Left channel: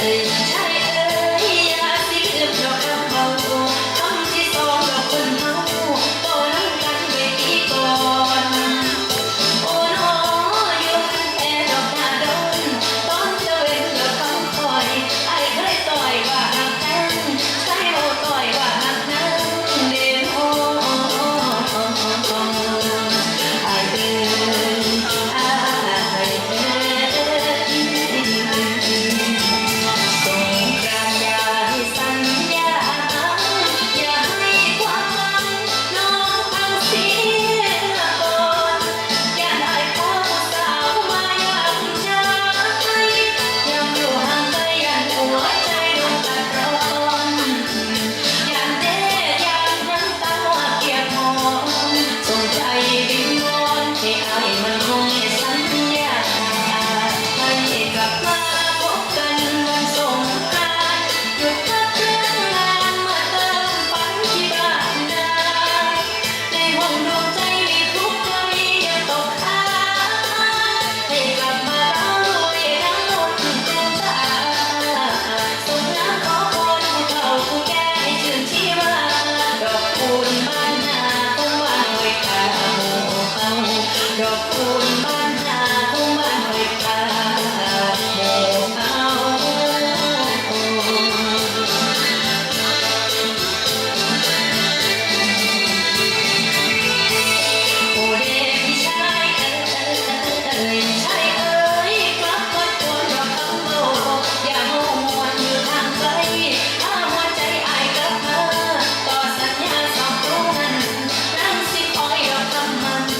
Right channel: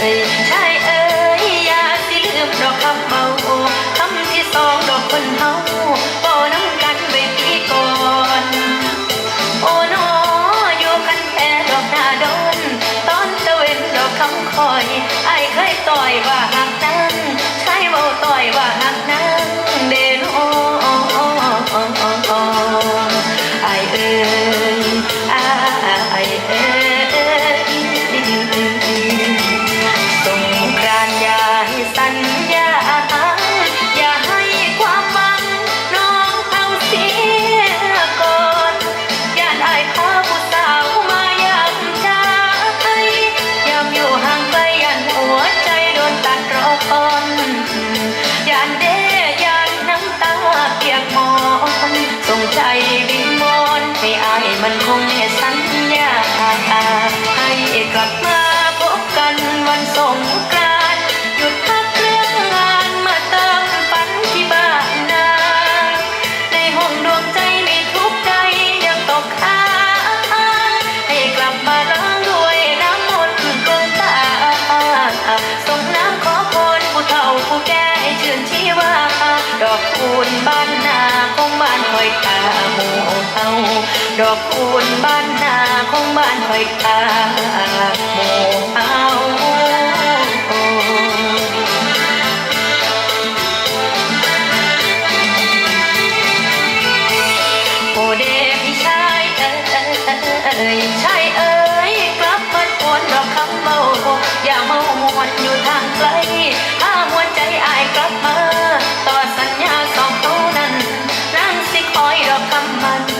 Hey. ดอกคูนบ้านนาของบ้านคอยตาหมู่เอาโอเดยเอ้ยเอ้ยเชาเอ้ยกลับมาโอนดอกคำเบาอย่าเมามวนอยู่ทางไกลถ้าหัวใจอายกลับมาต่อสัญญาสองตัวนั้นนางสิคอยดอกคำมัน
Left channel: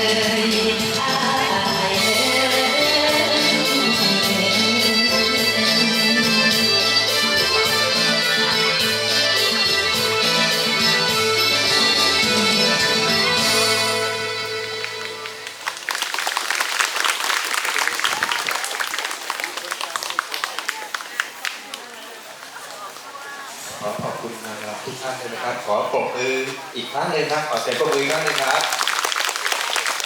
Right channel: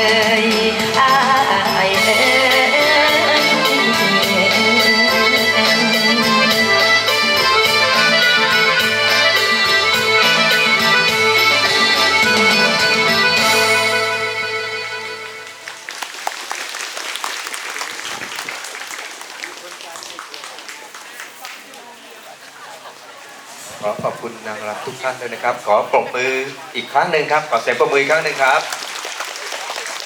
ขอขอบคุณนางรำทุกท่านด้วยนะครับ ขอปรบมืออีกครั้งหนึ่งครับ ขอเสียงปรบมืออีกครั้งหนึ่งครับ